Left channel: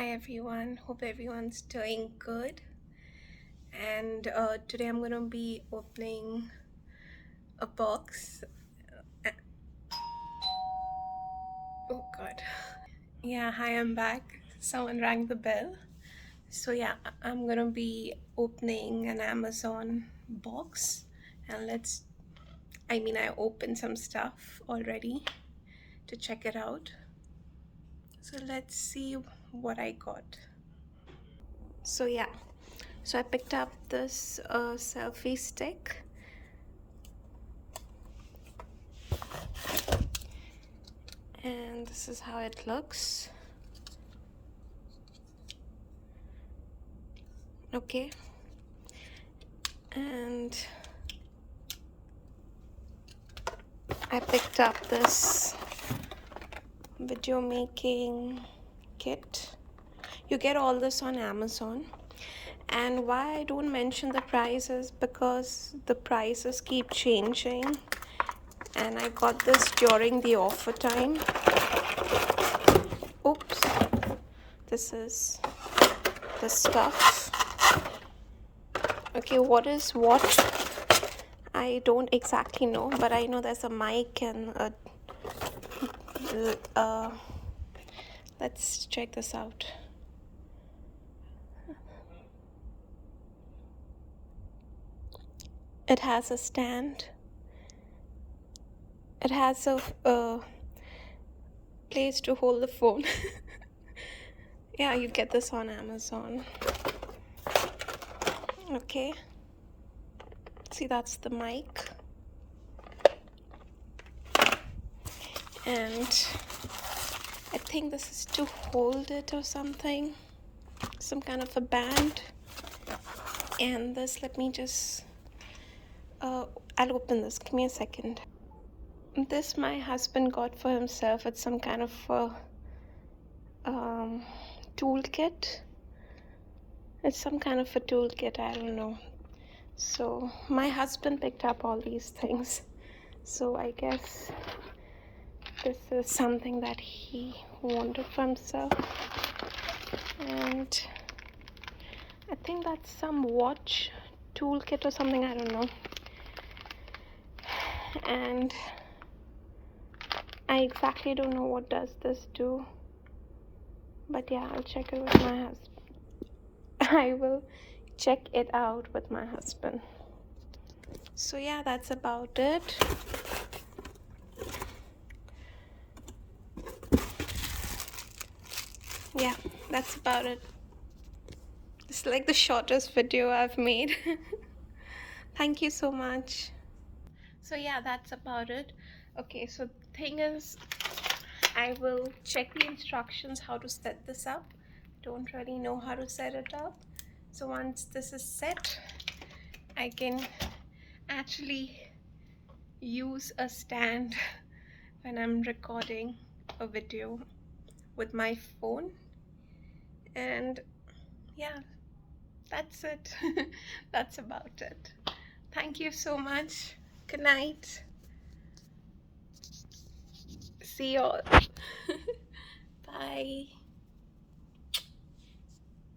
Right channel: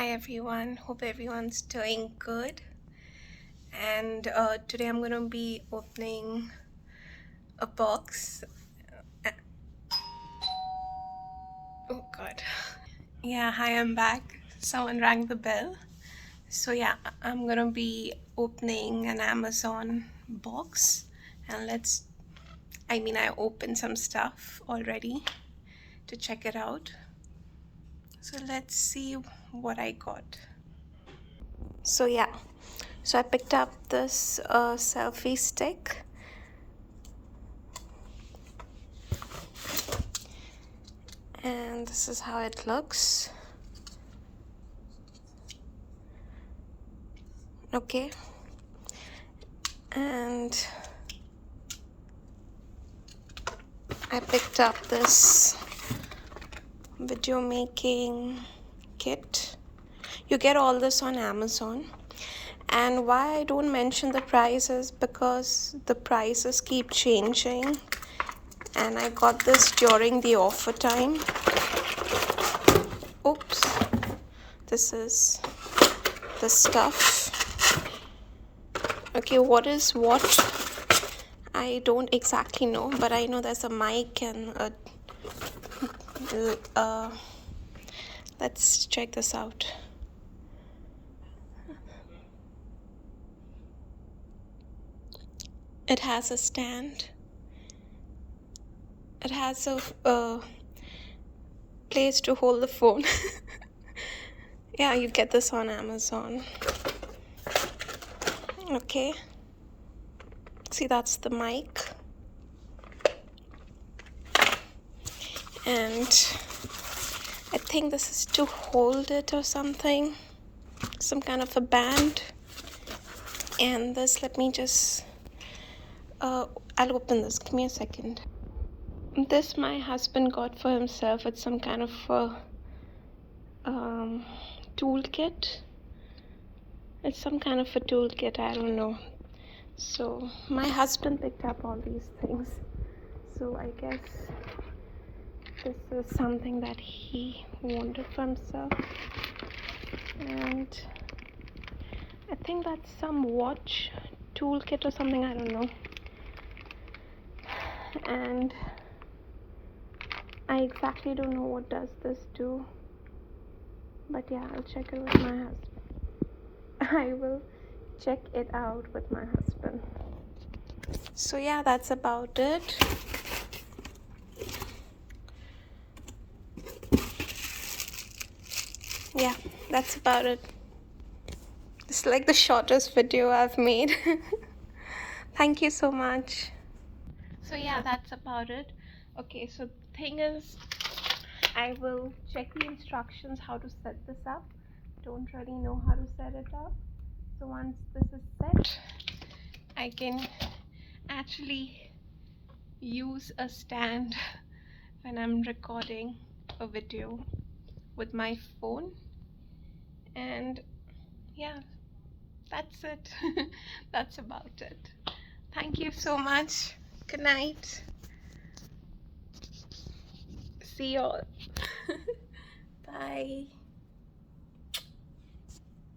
Hi everyone, hope everyone's doing good. And today I'm gonna be opening a box. Oh god. Yeah, hi, I'm back. Someone rang the bell. So yeah, I'm gonna be opening an Amazon box, and I opened some stuff already to check it out. So let's see what I got. So yeah, so I picked up this selfie stick, and this is how it looks. Okay, and I picked up this video making kit. You get all this on Amazon, and why I don't mention the prices, because the prices keep changing, and I got this during the offer time. Oops, this is the stuff. Okay, what is what? I don't exactly know, but I know there's a mic and let's check this out. It has a stand. It has a place to hold the phone. Yeah, you get this on Amazon. Okay. See, that's the mic. And I think this is to hold it or something. Some kind of a band. And this, let me just... I'll open this. Give me a second. This my husband got for himself. It's some kind of a toolkit. It's some kind of a toolkit, I don't know. So my husband picked up all these things. So I guess this is something that he wanted for himself. And I think that's some watch toolkit or something, I don't know. And I exactly don't know what does this do. But yeah, I'll check it with my husband. I will check it out with my husband. So yeah, that's about it. Yeah, that's about it. It's like the shortest video I've made. Thank you so much. So yeah, that's about it. Okay, so the thing is, I will check the instructions how to set this up. Don't really know how to set it up. So once this is set, I can actually use a stand when I'm recording a video with my phone. And yeah, that's it. That's about it. Thank you so much. Good night. See you all. Bye.